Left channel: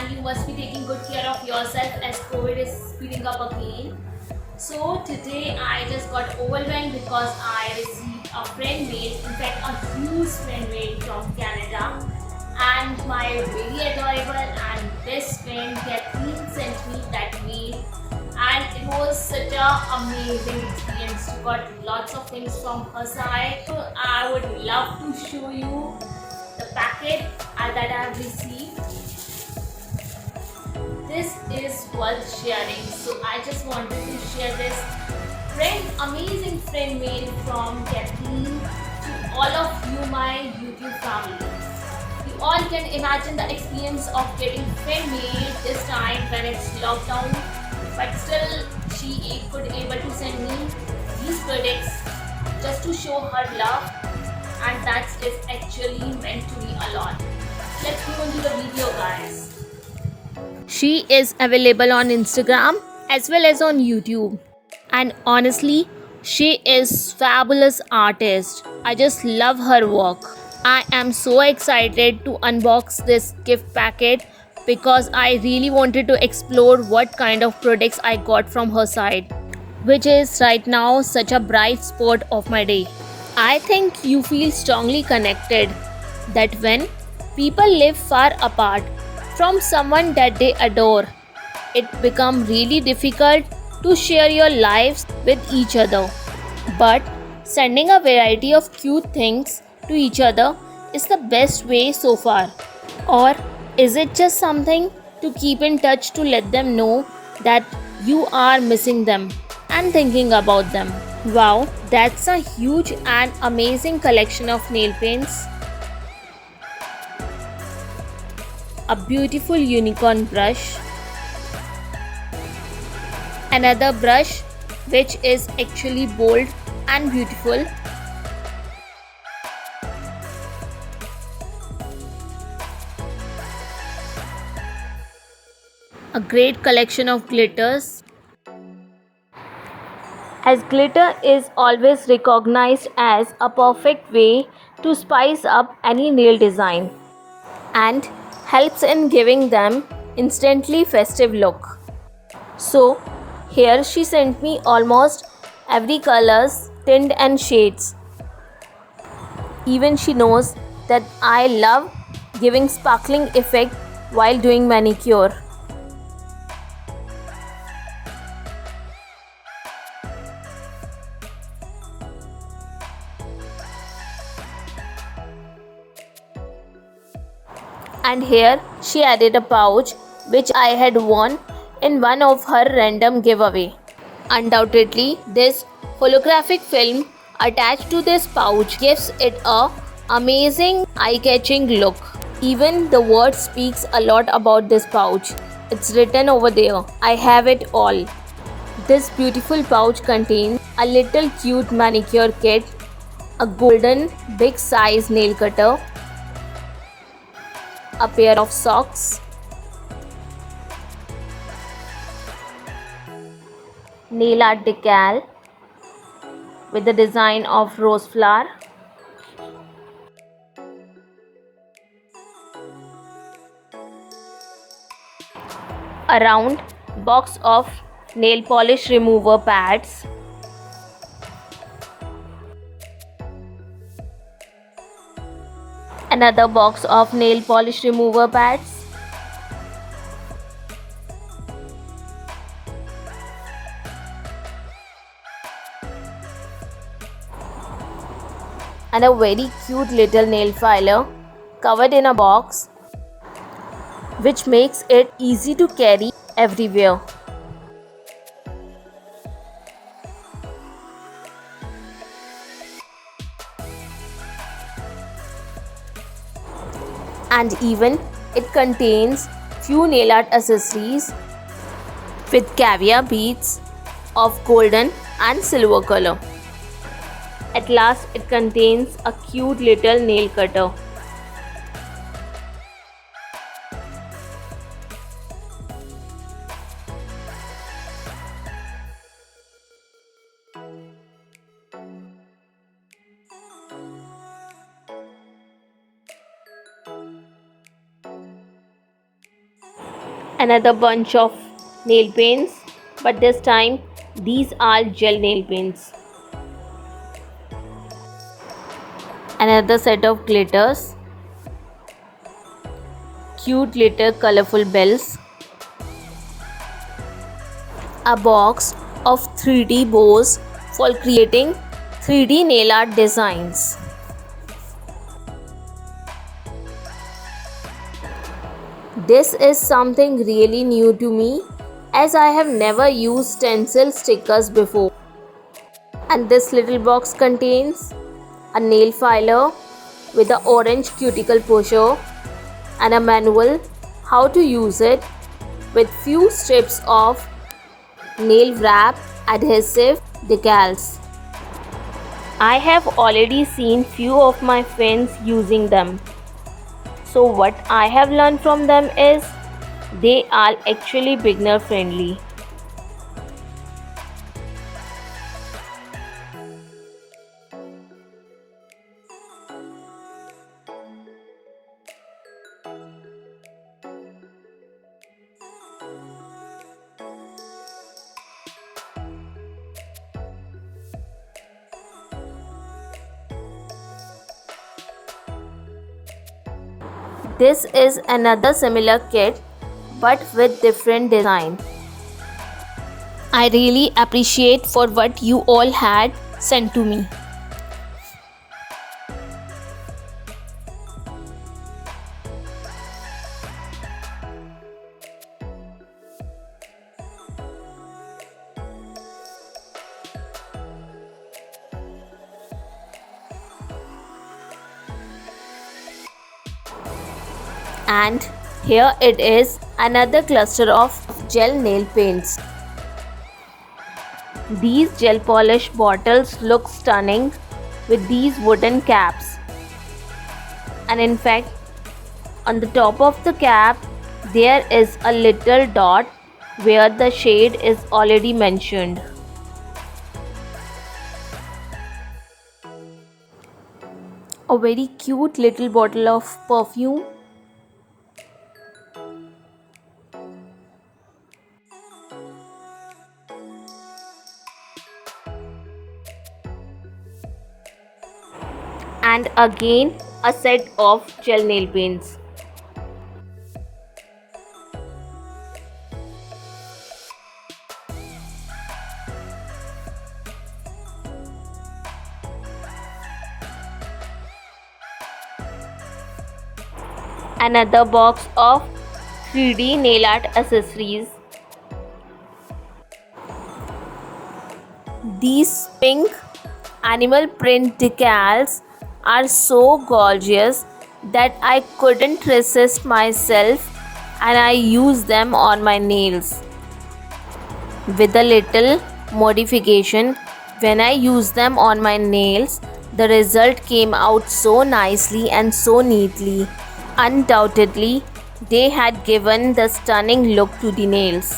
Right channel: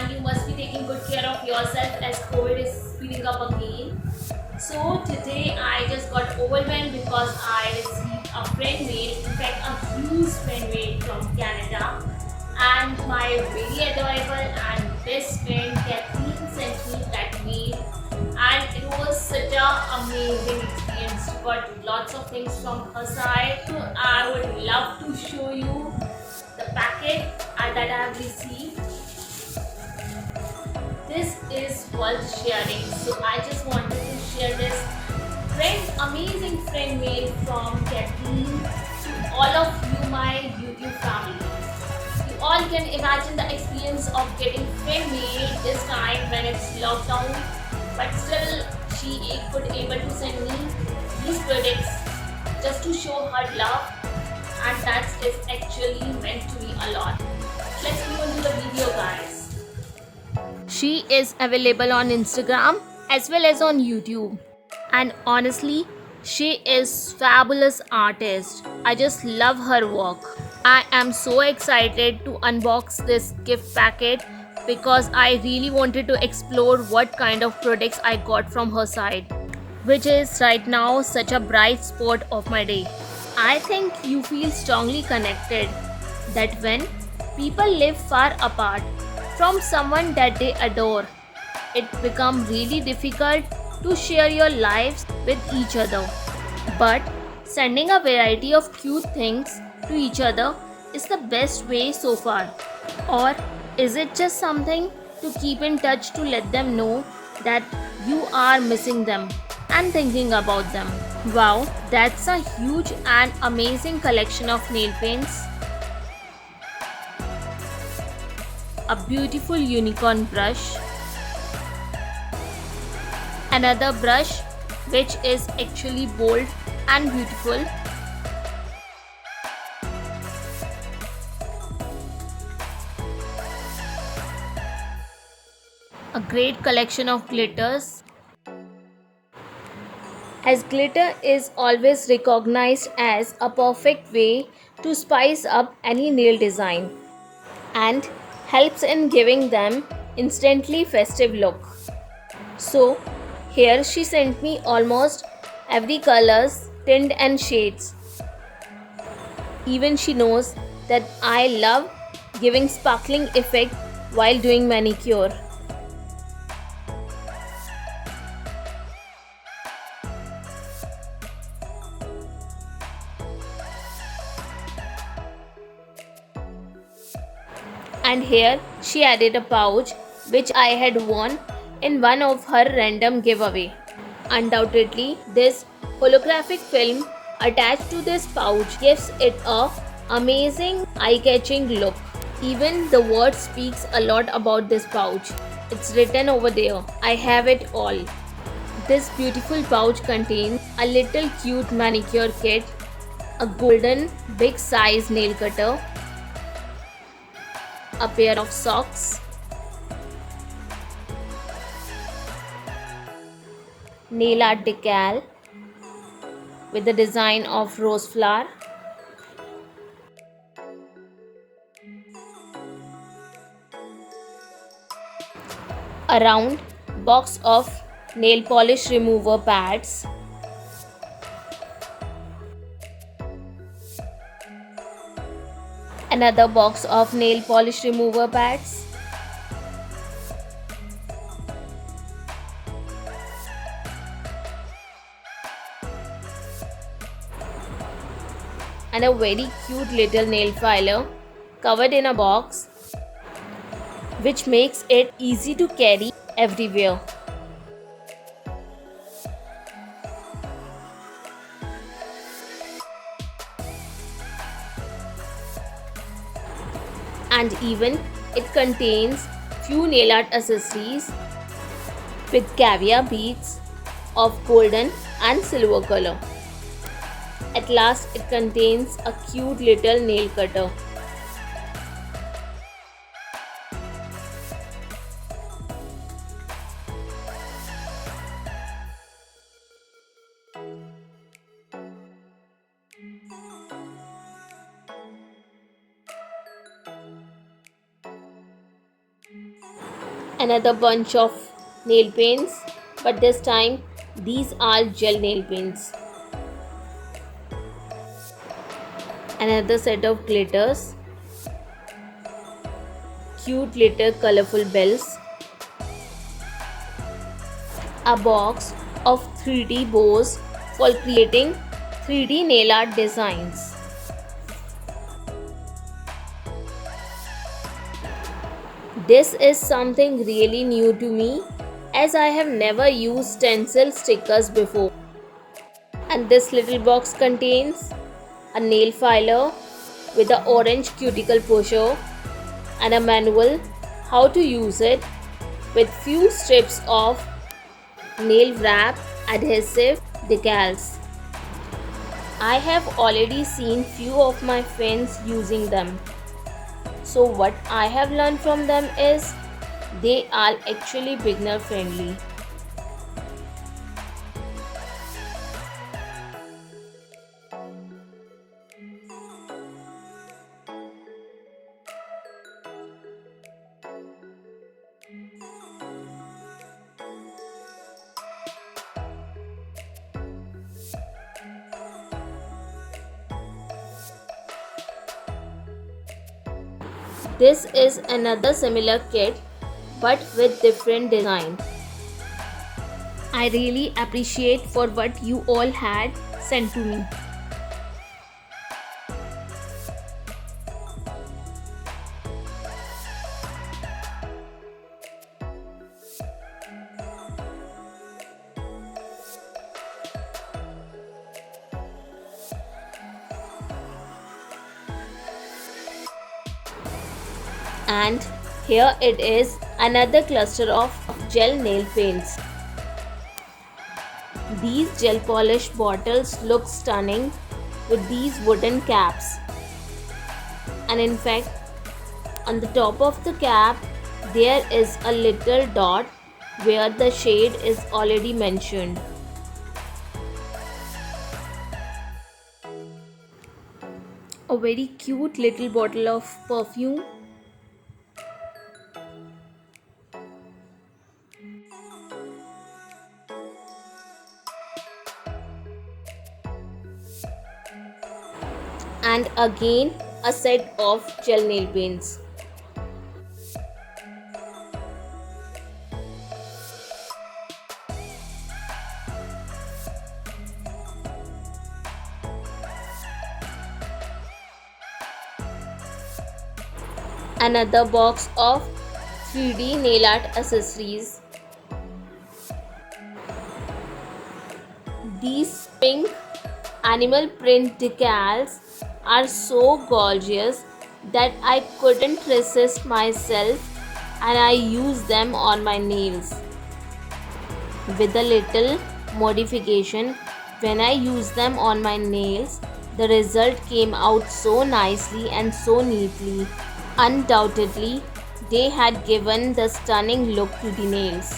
and you must be taking good care of yourself as COVID is speeding up again. So today I just got overwhelmed because I received a friend mail, in fact a huge friend mail from Canada, and my very adorable and best friend Kathleen sent me that mail, and it was such a amazing experience. Got lots of things from her side. So I would love to show you the packet that I have received. This is worth sharing, so I just wanted to share this amazing friend mail from Kathleen to all of you, my YouTube family. You all can imagine the experience of getting friend mail this time when it's lockdown, but still she could able to send me these products just to show her love, and that is actually meant to me a lot. Let's move on to the video, guys. She is available on Instagram as well as on YouTube. And honestly, she is fabulous artist. I just love her work. I am so excited to unbox this gift packet because I really wanted to explore what kind of products I got from her side, which is right now such a bright spot of my day. I think you feel strongly connected that when people live far apart from someone that they adore, it becomes really difficult to share your lives with each other. But sending a variety of cute things to each other is the best way so far. Or is it just something to keep in touch to let them know that you are missing them and thinking about them? Wow, that's a huge and amazing collection of nail paints. A beautiful unicorn brush. Another brush which is actually bold and beautiful. A great collection of glitters. As glitter is always recognized as a perfect way to spice up any nail design and helps in giving them instantly festive look. So here she sent me almost every colors, tint and shades. Even she knows that I love giving sparkling effect while doing manicure. And here she added a pouch which I had won in one of her random giveaway. Undoubtedly, this holographic film attached to this pouch gives it a amazing eye-catching look. Even the word speaks a lot about this pouch. It's written over there, I have it all. This beautiful pouch contains a little cute manicure kit, a golden big size nail cutter, a pair of socks, nail art decal with the design of rose flower, a round box of nail polish remover pads, another box of nail polish remover pads, and a very cute little nail filer covered in a box, which makes it easy to carry everywhere. And even it contains few nail art accessories with caviar beads of golden and silver color. At last, it contains a cute little nail cutter. Another bunch of nail paints, but this time these are gel nail paints. Another set of glitters, cute little colorful bells, a box of 3D bows for creating 3D nail art designs. This is something really new to me as I have never used stencil stickers before. And this little box contains a nail filer with an orange cuticle pusher and a manual how to use it with few strips of nail wrap adhesive decals. I have already seen few of my friends using them. So what I have learned from them is they are actually beginner friendly. This is another similar kit but with different design. I really appreciate for what you all had sent to me. And here it is, another cluster of gel nail paints. These gel polish bottles look stunning with these wooden caps. And in fact, on the top of the cap, there is a little dot where the shade is already mentioned. A very cute little bottle of perfume. And again a set of gel nail paints. Another box of 3D nail art accessories. These pink animal print decals are so gorgeous that I couldn't resist myself and I use them on my nails. With a little modification, when I use them on my nails, the result came out so nicely and so neatly. Undoubtedly, they had given the stunning look to the nails.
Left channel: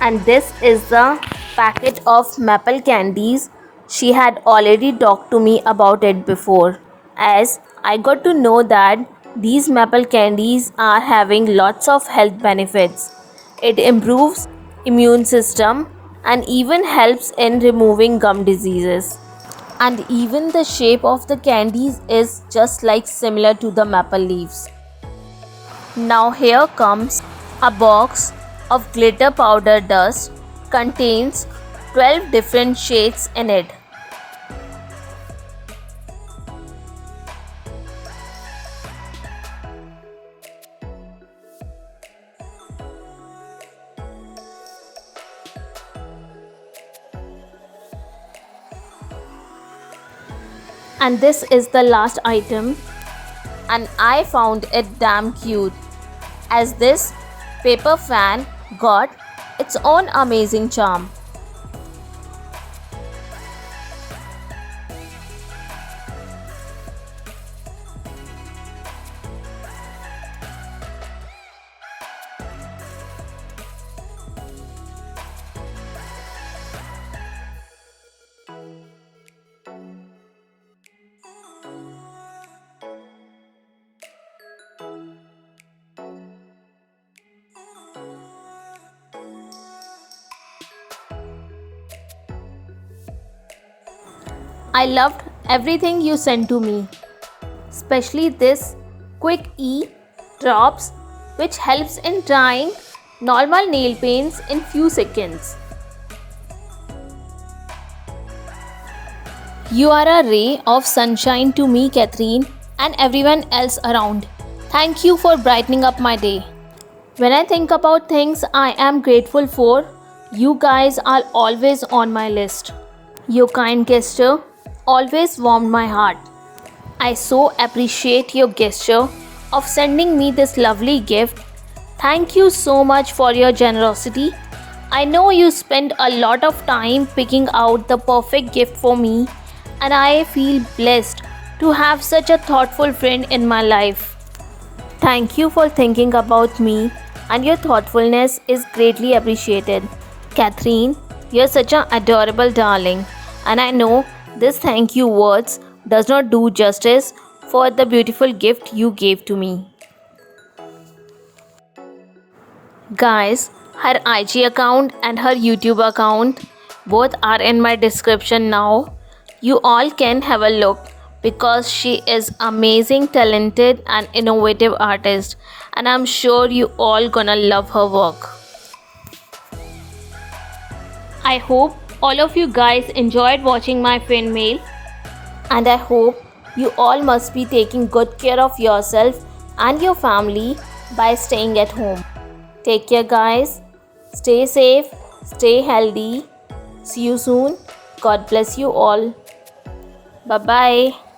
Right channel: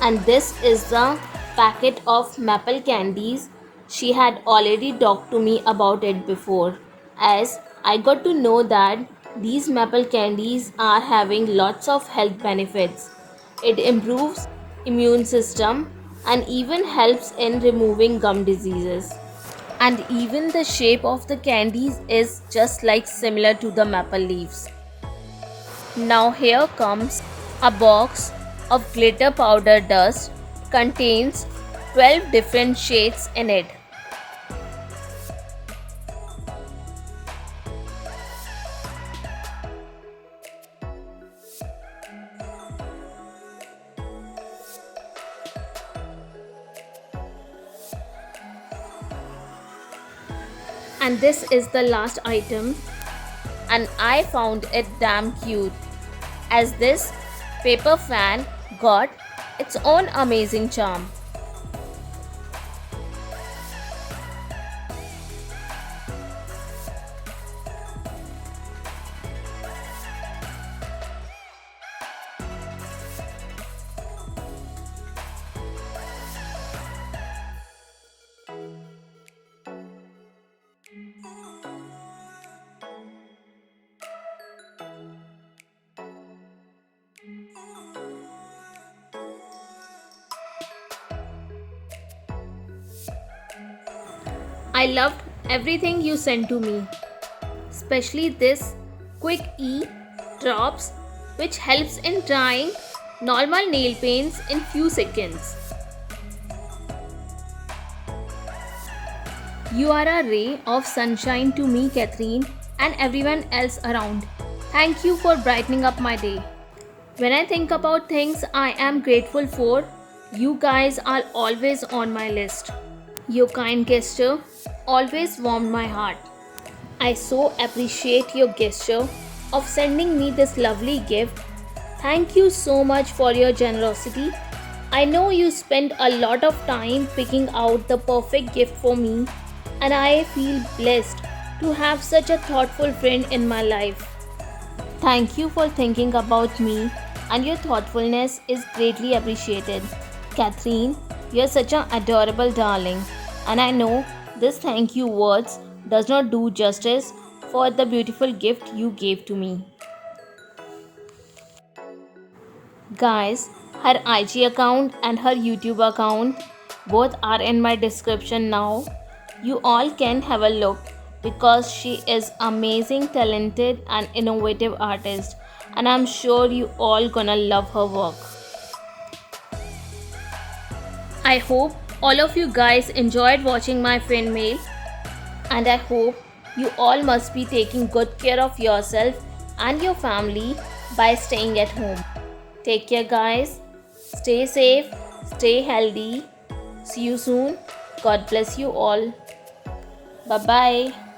And this is the packet of maple candies. She had already talked to me about it before, as I got to know that these maple candies are having lots of health benefits. It improves immune system and even helps in removing gum diseases. And even the shape of the candies is just like similar to the maple leaves. Now here comes a box of glitter powder dust, contains 12 different shades in it. And this is the last item, and I found it damn cute, as this paper fan got its own amazing charm. I loved everything you sent to me, especially this quick E drops which helps in drying normal nail paints in few seconds. You are a ray of sunshine to me, Catherine, and everyone else around. Thank you for brightening up my day. When I think about things I am grateful for, you guys are always on my list. Your kind gesture always warmed my heart. I so appreciate your gesture of sending me this lovely gift. Thank you so much for your generosity. I know you spent a lot of time picking out the perfect gift for me, and I feel blessed to have such a thoughtful friend in my life. Thank you for thinking about me, and your thoughtfulness is greatly appreciated. Catherine, you're such an adorable darling, and I know this thank you words does not do justice for the beautiful gift you gave to me. Guys, her IG account and her YouTube account both are in my description now. You all can have a look because she is amazing, talented and innovative artist, and I'm sure you all gonna love her work. I hope all of you guys enjoyed watching my fan mail, and I hope you all must be taking good care of yourself and your family by staying at home. Take care, guys. Stay safe, stay healthy. See you soon. God bless you all. Bye bye.